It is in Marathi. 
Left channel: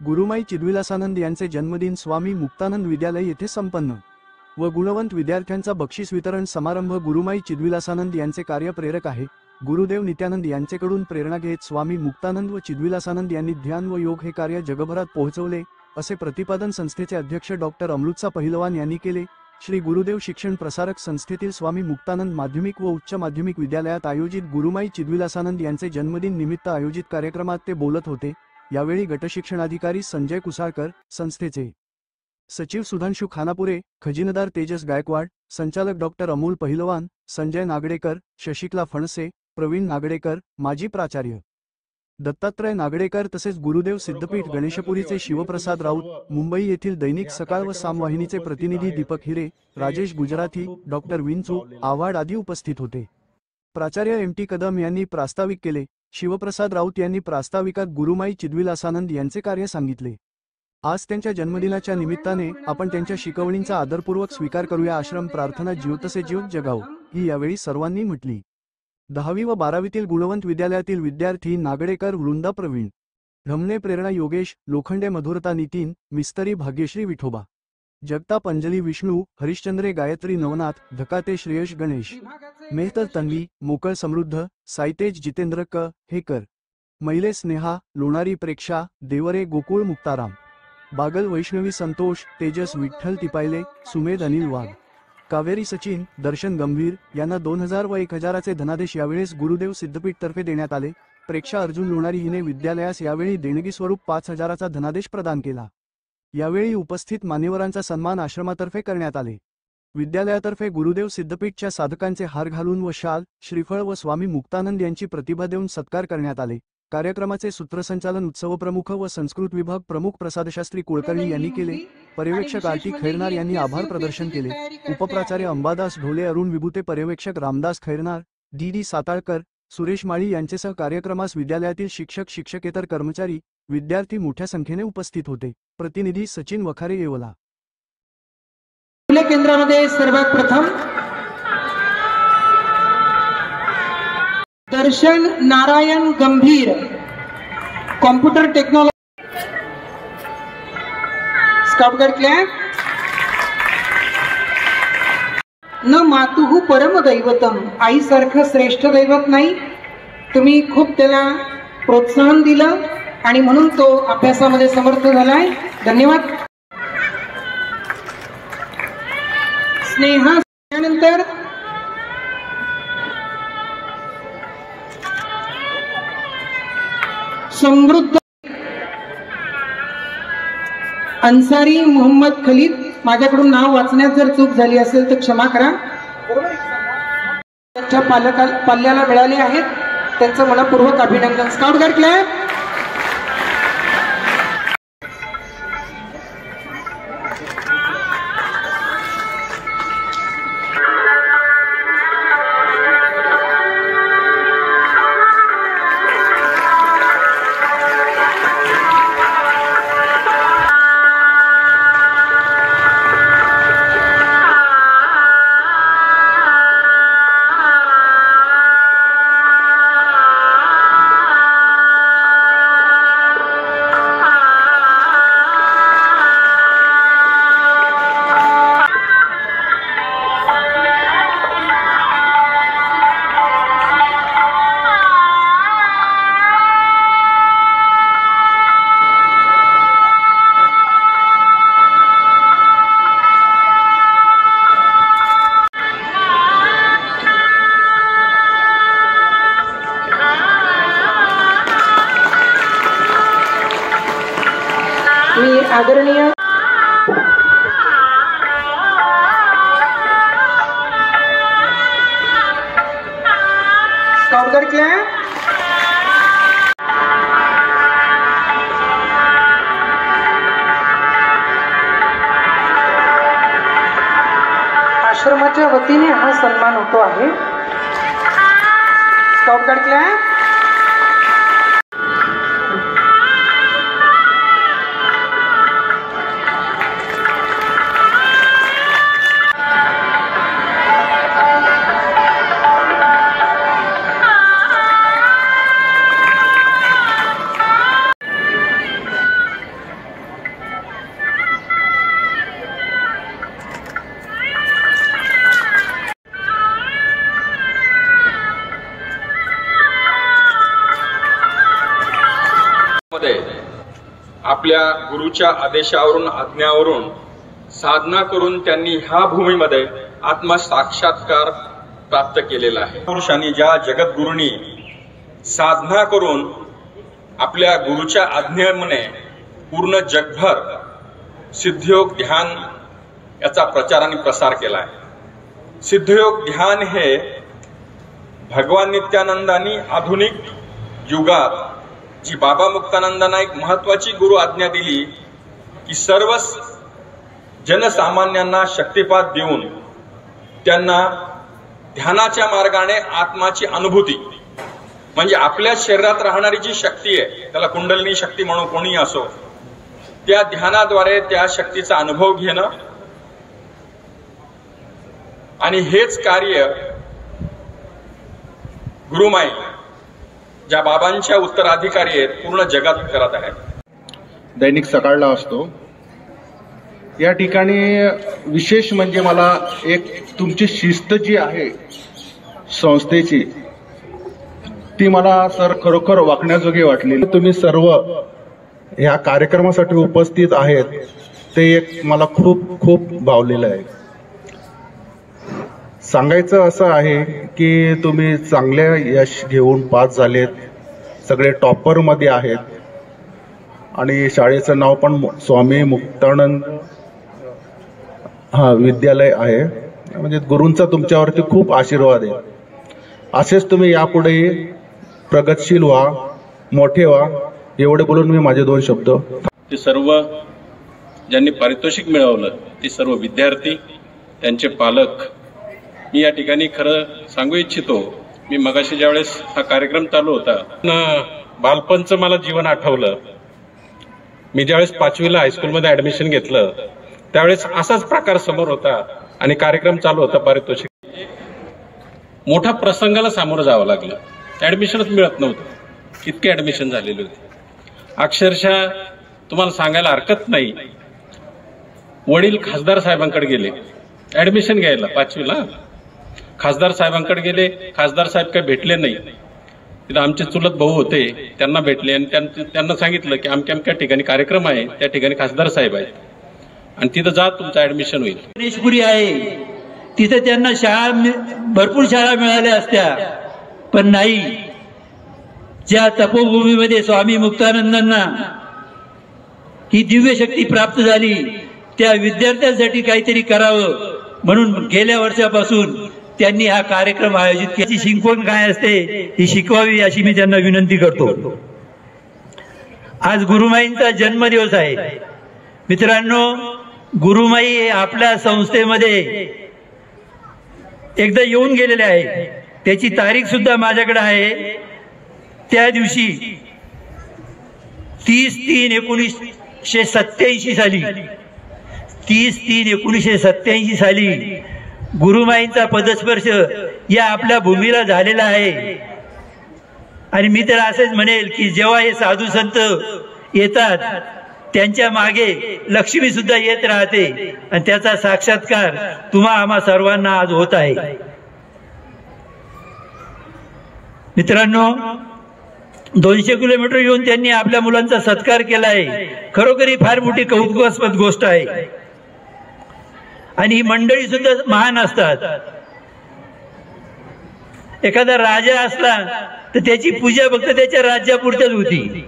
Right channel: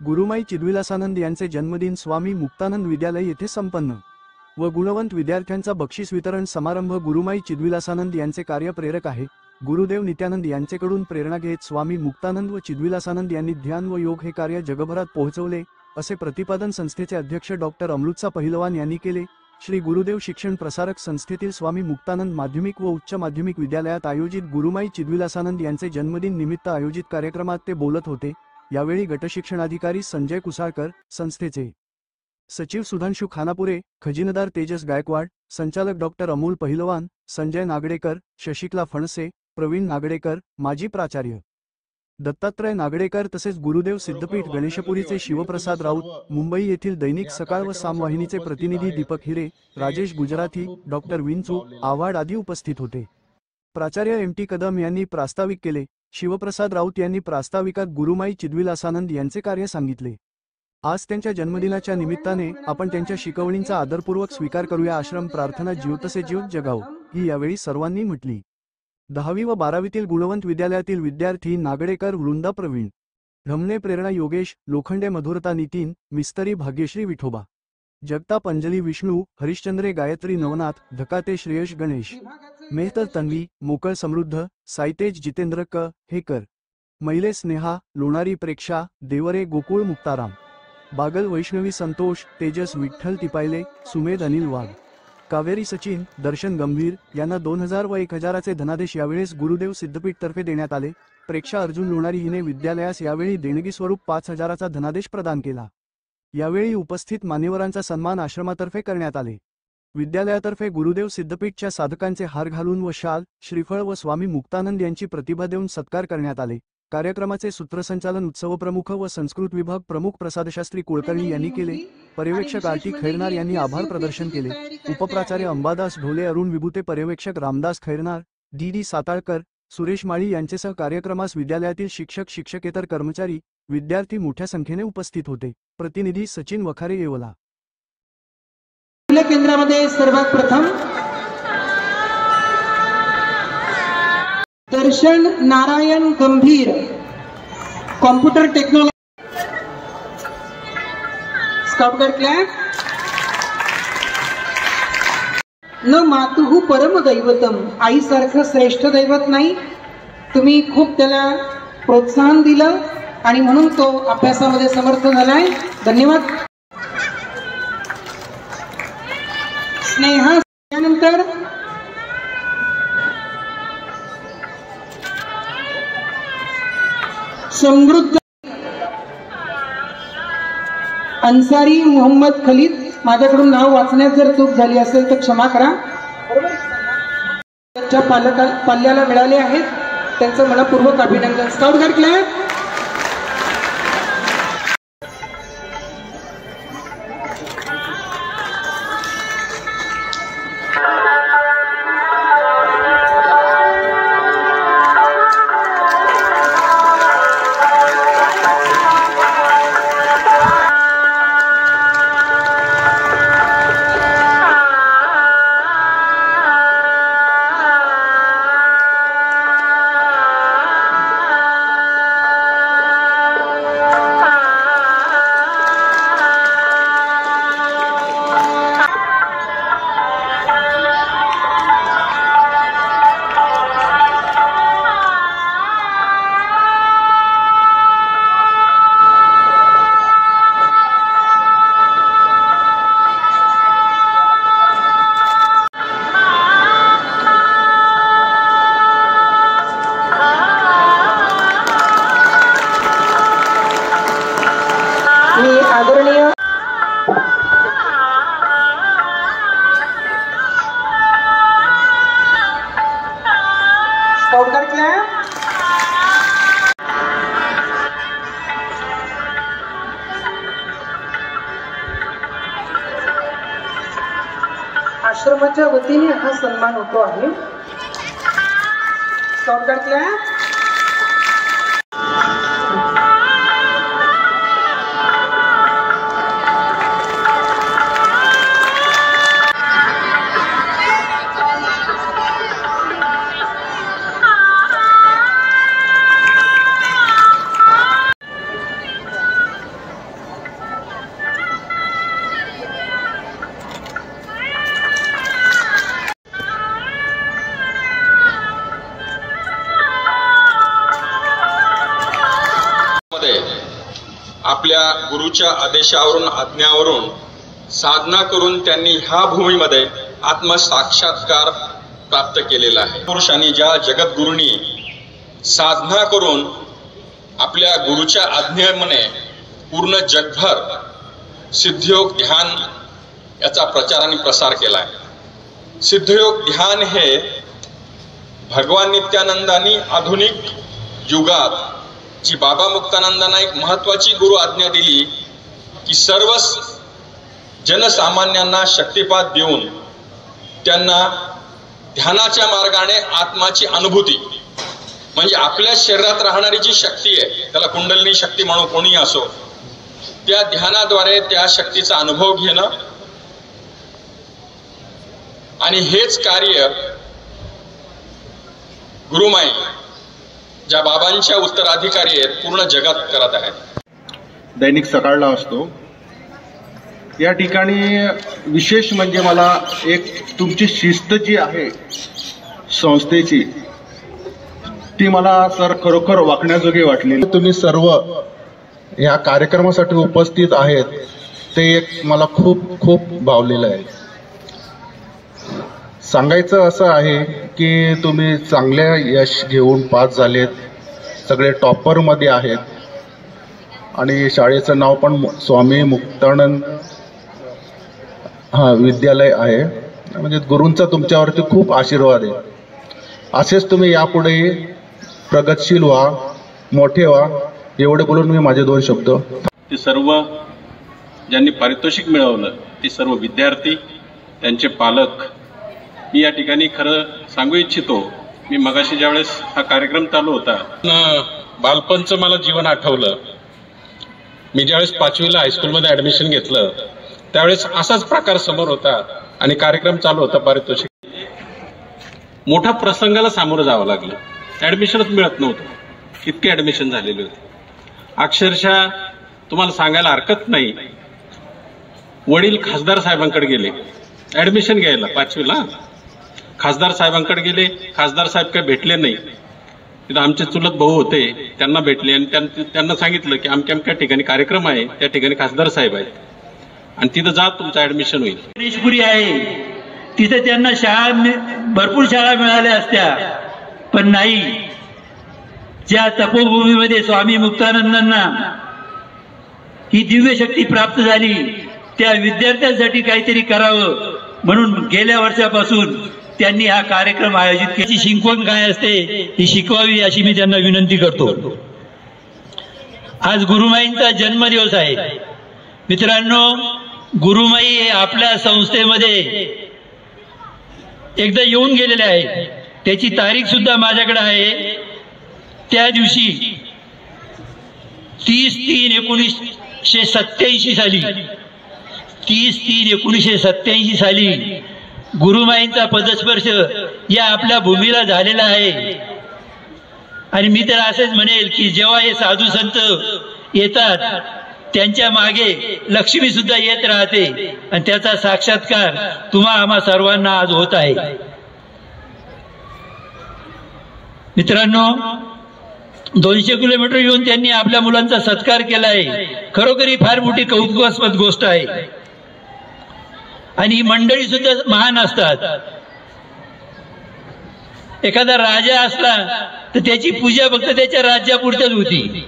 गुरुमाई चिद्विलासानंद यांचे जन्मदिन स्वामी मुक्तानंद विद्यालय येथे संपन्न व गुणवंत विद्यार्थ्यांचा बक्षीस वितरण समारंभ। गुरुमाई चिद्विलासानंद यांचे कार्य प्रेरक आहे। गुरुदेव नित्यानंद यांचेकडून प्रेरणा घेत स्वामी मुक्तानंद व चिद्विलासानंद यांनी ध्यान व योग हे कार्य जगभरात पोहोचवले, असे प्रतिपादन संस्थेचे अध्यक्ष डॉक्टर अमृतसा पहिलवान यांनी केले। श्री गुरुदेव शिक्षण प्रसारक संस्थेतील स्वामी मुक्तानंद माध्यमिक व उच्च माध्यमिक विद्यालयात आयोजित गुरुमाई चिद्विलासानंद यांचे जन्मदिन निमित्त आयोजित कार्यक्रमात ते बोलत होते। यावेळी गटशिक्षणाधिकारी संजय कुसाळकर, संस्थेचे सचिव सुधांशु खानापुरे, खजिनदार तेजस गायकवाड, संचालक डॉक्टर अमोल पहिलवान, संजय नागडेकर, शशिकला फणसे, प्रवीण नागडेकर, माजी प्राचार्य दत्तात्रय नागडेकर तसेच गुरुदेव सिद्धपीठ गणेशपुरीचे शिवप्रसाद राऊत, मुंबई येथील दैनिक सकाळ व सामवाहिनीचे प्रतिनिधी दीपक हिरे, राजेश गुजराथी, डॉक्टर विंचू आव्हाड आदी उपस्थित होते। प्राचार्य एम टी कदम यांनी प्रास्ताविक केले। शिवप्रसाद राऊत यांनी प्रास्ताविकात गुरुमाई चिद्विलासानंद यांचे कार्य सांगितले। आज त्यांच्या जन्मदिनाच्या निमित्ताने आपण त्यांच्या शिकवणींचा आदरपूर्वक स्वीकार करूया। आश्रम प्रार्थना ज्योतसे ज्योत जगाव ही यावेळी सर्वांनी म्हटली। 10वी व 12वीतील गुणवंत विद्यालयातील विद्यार्थी नागडेकर वृंदा, प्रवीण ढमणे, प्रेरणा योगेश, लोखंडे मधुरता, नितीन मिस्तरी, भाग्यश्री विठोबा, जगताप अंजली, विष्णू हरिश्चंद्रे, गायत्री नवनाथ, धकाते श्रेयश, गणेश मेहतर, तन्वी मोकळ, समृद्ध साईतेज, जितेंद्र क हेकर, मैले स्नेहा, लोणारी प्रेक्षा, देवरे गोकुळ, मुक्ताराम बागल, वैष्णवी संतोष, तेजस विठ्ठल तिपायले, सुमेध अनिल वाघ, कावेरी सचिन, दर्शन गंभीर यांना 2000 व 1000चे धनादेश यावेळेस गुरुदेव सिद्धपीठ तर्फे देण्यात आले। प्रेक्षा अर्जुन लोणारी हिने विद्यालयास यावेळी देणगी स्वरूप 5000चा धनादेश प्रदान केला। यावेळी उपस्थित मान्यवरांचा सन्मान आश्रमातर्फे करण्यात आले। विद्यालयातर्फे गुरुदेव सिद्धपीठच्या साधकांचे हार घालून व शाल, श्रीफळ व स्वामी मुक्तानंद यांची प्रतिभा देऊन सत्कार करण्यात आले। कार्यक्रमाचे सूत्रसंचालन उत्सव प्रमुख व संस्कृत विभाग प्रमुख प्रसादशास्त्री कुलकर्णी यांनी केले। पर्यवेक्षक आरटी खैरनार यांनी आभार प्रदर्शन केले। उपप्राचार्य अंबादास ढोले, अरुण विभूते, पर्यवेक्षक रामदास खैरनार, डी साताळकर, सुरेश माळी यांचेसह कार्यक्रमास विद्यालयातील शिक्षक, शिक्षकेतर कर्मचारी, विद्यार्थी मोठ्या संख्येने उपस्थित होते। प्रतिनिधी सचिन वखारे, येवला। केंद्रामध्ये सर्वात प्रथम दर्शन नारायण गंभीर, computer technology, scout guide clap. न मातुः परम दैवतम, आई सारखं श्रेष्ठ दैवत नाही। तुम्ही खूप त्याला प्रोत्साहन दिलं आणि म्हणून तो अभ्यासामध्ये समर्थ झालाय। धन्यवाद। स्नेहा, त्यानंतर समृद्ध अन्सारी मोहम्मद खलीद, माझ्याकडून नाव वाचण्यात जर चूक झाली असेल तर क्षमा करा। त्यांच्या पाल्याला मिळाले आहेत, त्यांचं मनपूर्वक अभिनंदन। Scout guide clap. मी आदरणीय स्काउट गाईड क्लॅप। आश्रमाच्या वतीने हा सन्मान होतो आहे। Scout guide clap. आपल्या गुरुच्या आदेशावरून आज्ञावरून साधना करून त्यांनी ह्या भूमीमध्ये आत्मसाक्षात्कार प्राप्त केलेला आहे। पुरुषांनी ज्या जगद्गुरूंनी साधना करून आपल्या गुरुच्या आज्ञेने पूर्ण जगभर सिद्धयोग ध्यान याचा प्रचार आणि प्रसार केला आहे। सिद्धयोग ध्यान हे भगवान नित्यानंदांनी आधुनिक युगात जी बाबा मुक्तानंदांना एक महत्वाची गुरु आज्ञा दिली की सर्व जनसामान्यांना शक्तिपात देऊन त्यांना ध्यानाच्या मार्गाने आत्माची अनुभूती म्हणजे आपल्या शरीरात राहणारी जी शक्ती आहे त्याला कुंडलिनी शक्ती म्हणू कोणी असो त्या ध्यानाद्वारे त्या शक्तीचा अनुभव घेणं आणि हेच कार्य गुरुमाई ज्या बाबांच्या उत्तराधिकारी आहेत पूर्ण जगात करत आहेत। दैनिक सकाळला असतो या ठिकाणी विशेष म्हणजे मला एक तुमची शिस्त जी आहे संस्थेची ती मला सर खरोखर वाकण्याजोगी वाटली। तुम्ही सर्व ह्या कार्यक्रमासाठी उपस्थित आहेत ते एक मला खूप खूप भावलेलं आहे। सांगायचं असं आहे की तुम्ही चांगल्या यश घेऊन पास झालेत, सगळे टॉपरमध्ये आहेत आणि शाळेचं नाव पण स्वामी मुक्तानंद विद्यालय आहे। म्हणजे गुरूंचा तुमच्यावरती खूप आशीर्वाद आहे। असेच तुम्ही यापुढे प्रगतशील व्हा, मोठे व्हा, एवढे बोलून मी माझे 2 शब्द। ते सर्व ज्यांनी पारितोषिक मिळवलं ते सर्व विद्यार्थी त्यांचे पालक मी या ठिकाणी खरं सांगू इच्छितो। मी मगाशी ज्यावेळेस हा कार्यक्रम चालू होता बालपणचं मला जीवन आठवलं। मी ज्यावेळेस 5वीला हायस्कूलमध्ये ऍडमिशन घेतलं त्यावेळेस असाच प्रकार समोर होता आणि कार्यक्रम चालू होता पारितोषिक। मोठ्या प्रसंगाला सामोरं जावं लागलं, ऍडमिशनच मिळत नव्हतं, इतके ऍडमिशन झालेले होते। अक्षरशः तुम्हाला सांगायला हरकत नाही, वडील खासदार साहेबांकडे गेले ऍडमिशन घ्यायला 5वीला। खासदार साहेबांकडे गेले, खासदार साहेब काही भेटले नाही। तिथं आमचे चुलत भाऊ होते, त्यांना भेटले आणि त्यांना सांगितलं की अमक्या अमक्या ठिकाणी कार्यक्रम आहे, त्या ठिकाणी खासदार साहेब आहेत आणि तिथं जा तुमचं ऍडमिशन होईल। गणेशपुरी आहे तिथे त्यांना भरपूर शाळा मिळाल्या असत्या, पण नाही। ज्या तपोभूमीमध्ये स्वामी मुक्तानंदांना ही दिव्य शक्ती प्राप्त झाली त्या विद्यार्थ्यांसाठी काहीतरी करावं म्हणून गेल्या वर्षापासून त्यांनी हा कार्यक्रम आयोजित केला। शिकवण काय असते ही शिकवावी अशी मी त्यांना विनंती करतो। आज गुरुमाईंचा जन्मदिवस आहे मित्रांनो। गुरुमाई हे आपल्या संस्थेमध्ये एकदा येऊन गेलेले आहे, त्याची तारीख सुद्धा माझ्याकडे आहे। त्या दिवशी 30/3/1987 साली 30/3/1987 साली गुरुमाईंचा पदस्पर्श या आपल्या भूमीला झालेला आहे। आणि मी तर असेच म्हणेल की जेव्हा हे साधू संत येतात त्यांच्या मागे लक्ष्मी सुद्धा येत राहते आणि त्याचा साक्षात्कार तुम्हा आम्हा सर्वांना आज होत आहे। मित्रांनो 200 किलोमीटर येऊन त्यांनी आपल्या मुलांचा सत्कार केला आहे, खरोखर ही फार मोठी कौतुकास्पद गोष्ट आहे। आणि ही मंडळी सुद्धा महान असतात। एखादा राजा असला तर त्याची पूजा फक्त त्याच्या राज्यापुरतीच होती।